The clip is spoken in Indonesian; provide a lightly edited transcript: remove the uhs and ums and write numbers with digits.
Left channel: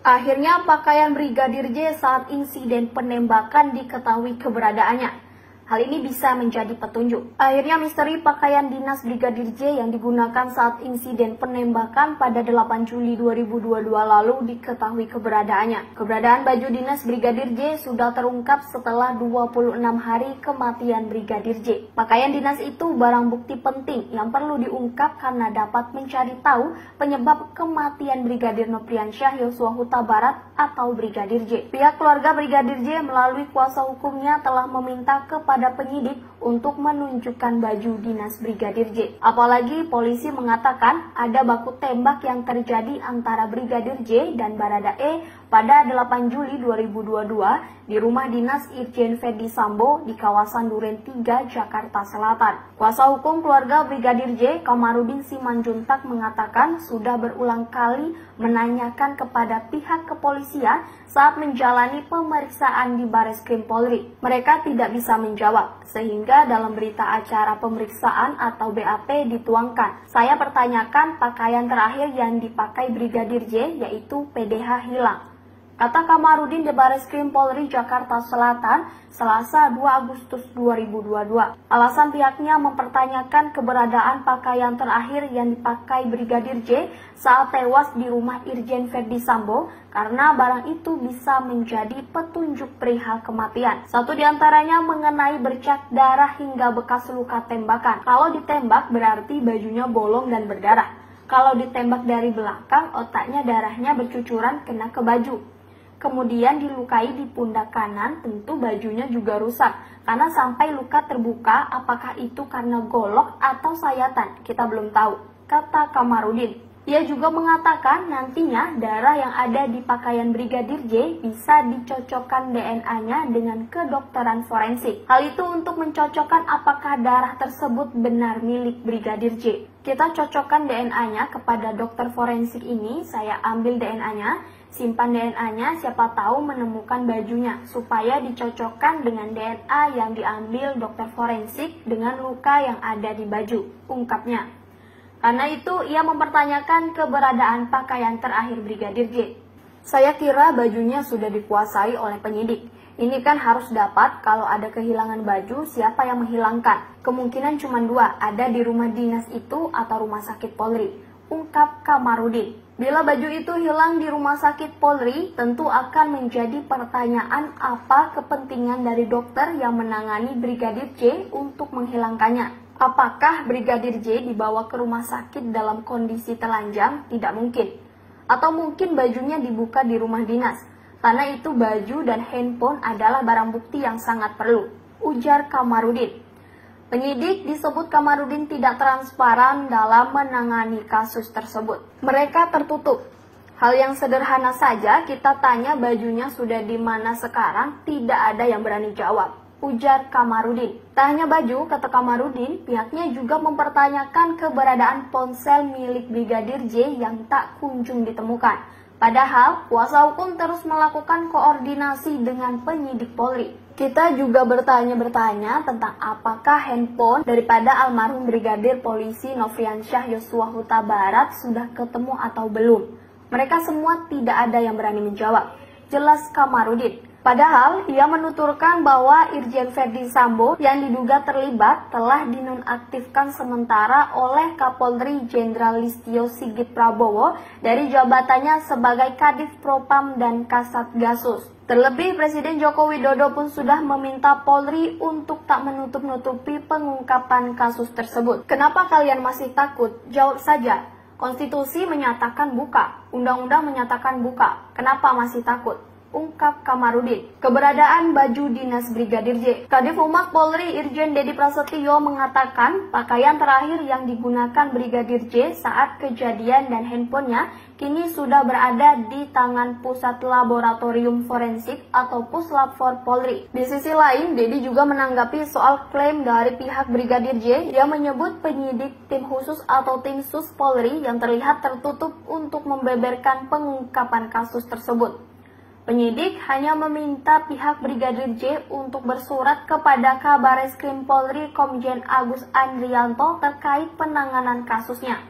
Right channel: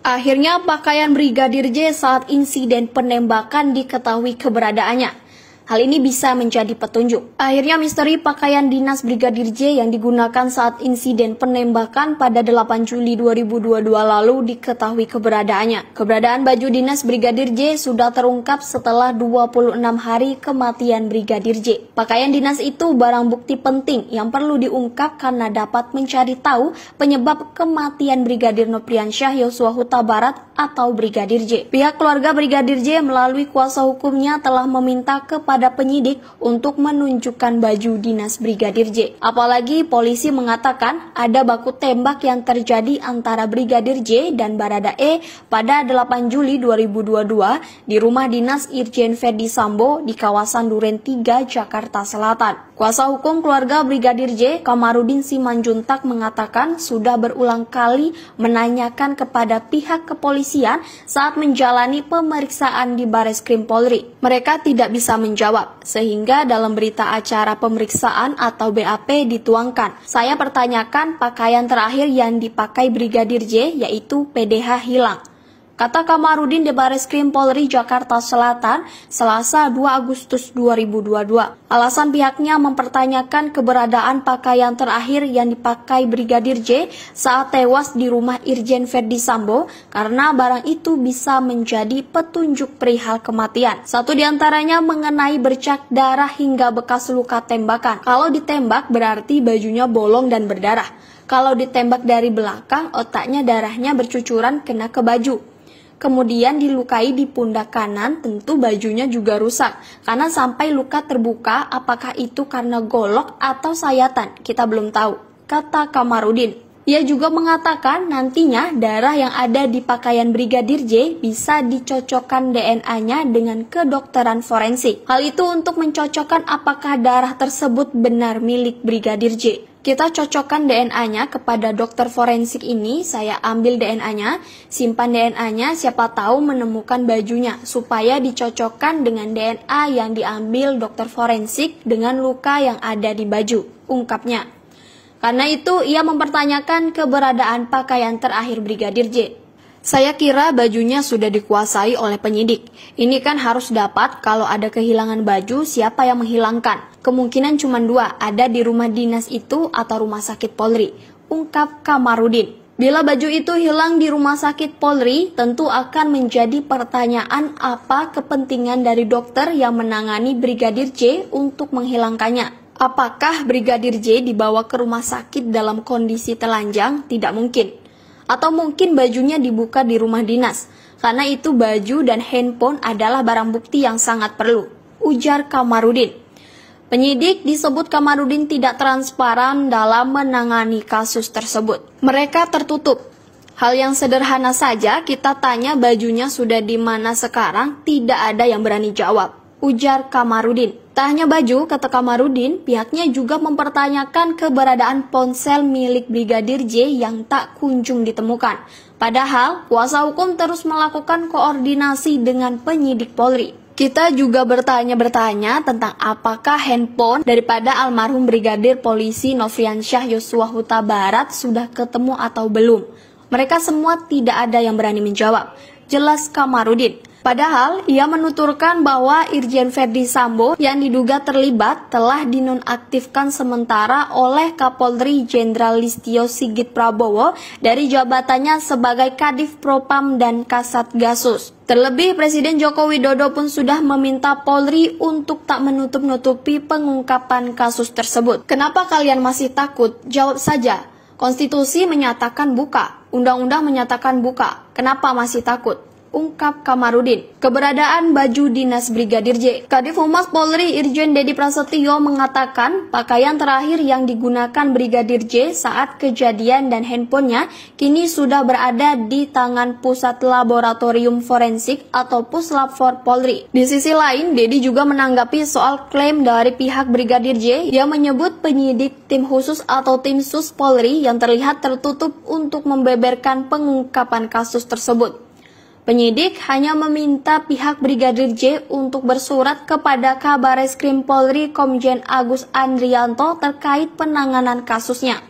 Akhirnya pakaian Brigadir J saat insiden penembakan diketahui keberadaannya. Hal ini bisa menjadi petunjuk. Akhirnya misteri pakaian dinas Brigadir J yang digunakan saat insiden penembakan pada 8 Juli 2022 lalu diketahui keberadaannya. Keberadaan baju dinas Brigadir J sudah terungkap setelah 26 hari kematian Brigadir J. Pakaian dinas itu barang bukti penting yang perlu diungkap karena dapat mencari tahu penyebab kematian Brigadir Nopriansyah Yosua Huta Barat atau Brigadir J. Pihak keluarga Brigadir J melalui kuasa hukumnya telah meminta kepada penyidik untuk menunjukkan baju dinas Brigadir J. Apalagi polisi mengatakan ada baku tembak yang terjadi antara Brigadir J dan Barada E pada 8 Juli 2022 di rumah dinas Irjen Ferdi Sambo di kawasan Duren 3, Jakarta Selatan. Kuasa hukum keluarga Brigadir J, Kamarudin Simanjuntak mengatakan sudah berulang kali menanyakan kepada pihak kepolisian saat menjalani pemeriksaan di Bareskrim Polri. Mereka tidak bisa menjawab, sehingga dalam berita acara pemeriksaan atau BAP dituangkan. Saya pertanyakan pakaian terakhir yang dipakai Brigadir J yaitu PDH hilang, kata Kamarudin di Bareskrim Polri Jakarta Selatan Selasa 2 Agustus 2022. Alasan pihaknya mempertanyakan keberadaan pakaian terakhir yang dipakai Brigadir J saat tewas di rumah Irjen Ferdi Sambo karena barang itu bisa menjadi petunjuk perihal kematian. Satu diantaranya mengenai bercak darah hingga bekas luka tembakan. Kalau ditembak berarti bajunya bolong dan berdarah. Kalau ditembak dari belakang, otaknya darahnya bercucuran kena ke baju. Kemudian dilukai di pundak kanan, tentu bajunya juga rusak. Karena sampai luka terbuka, apakah itu karena golok atau sayatan? Kita belum tahu, kata Kamarudin. Ia juga mengatakan nantinya darah yang ada di pakaian Brigadir J bisa dicocokkan DNA-nya dengan kedokteran forensik. Hal itu untuk mencocokkan apakah darah tersebut benar milik Brigadir J. Kita cocokkan DNA-nya kepada dokter forensik ini, saya ambil DNA-nya, simpan DNA-nya, siapa tahu menemukan bajunya, supaya dicocokkan dengan DNA yang diambil dokter forensik dengan luka yang ada di baju, ungkapnya. Karena itu, ia mempertanyakan keberadaan pakaian terakhir Brigadir J. Saya kira bajunya sudah dikuasai oleh penyidik. Ini kan harus dapat kalau ada kehilangan baju, siapa yang menghilangkan. Kemungkinan cuma dua, ada di rumah dinas itu atau rumah sakit Polri, ungkap Kamarudin. Bila baju itu hilang di rumah sakit Polri, tentu akan menjadi pertanyaan apa kepentingan dari dokter yang menangani Brigadir J untuk menghilangkannya. Apakah Brigadir J dibawa ke rumah sakit dalam kondisi telanjang? Tidak mungkin. Atau mungkin bajunya dibuka di rumah dinas, karena itu baju dan handphone adalah barang bukti yang sangat perlu, ujar Kamarudin. Penyidik disebut Kamarudin tidak transparan dalam menangani kasus tersebut. Mereka tertutup. Hal yang sederhana saja, kita tanya bajunya sudah di mana sekarang, tidak ada yang berani jawab, ujar Kamarudin. Tak hanya baju, kata Kamarudin, pihaknya juga mempertanyakan keberadaan ponsel milik Brigadir J yang tak kunjung ditemukan. Padahal, kuasa hukum terus melakukan koordinasi dengan penyidik Polri. Kita juga bertanya tentang apakah handphone daripada almarhum Brigadir Polisi Nopriansyah Yosua Huta Barat sudah ketemu atau belum. Mereka semua tidak ada yang berani menjawab, jelas Kamarudin. Padahal, ia menuturkan bahwa Irjen Ferdi Sambo yang diduga terlibat telah dinonaktifkan sementara oleh Kapolri Jenderal Listio Sigit Prabowo dari jabatannya sebagai Kadif Propam dan Kasat Gasus. Terlebih, Presiden Joko Widodo pun sudah meminta Polri untuk tak menutup-nutupi pengungkapan kasus tersebut. Kenapa kalian masih takut? Jawab saja. Konstitusi menyatakan buka, undang-undang menyatakan buka. Kenapa masih takut? Ungkap Kamarudin. Keberadaan baju dinas Brigadir J. Kadif Humas Polri Irjen Dedi Prasetyo mengatakan pakaian terakhir yang digunakan Brigadir J saat kejadian dan handphonenya kini sudah berada di tangan Pusat Laboratorium Forensik atau Puslab-For Polri. Di sisi lain, Dedi juga menanggapi soal klaim dari pihak Brigadir J yang menyebut penyidik tim khusus atau tim sus Polri yang terlihat tertutup untuk membeberkan pengungkapan kasus tersebut. Penyidik hanya meminta pihak Brigadir J untuk bersurat kepada Kabareskrim Polri Komjen Agus Andrianto terkait penanganan kasusnya.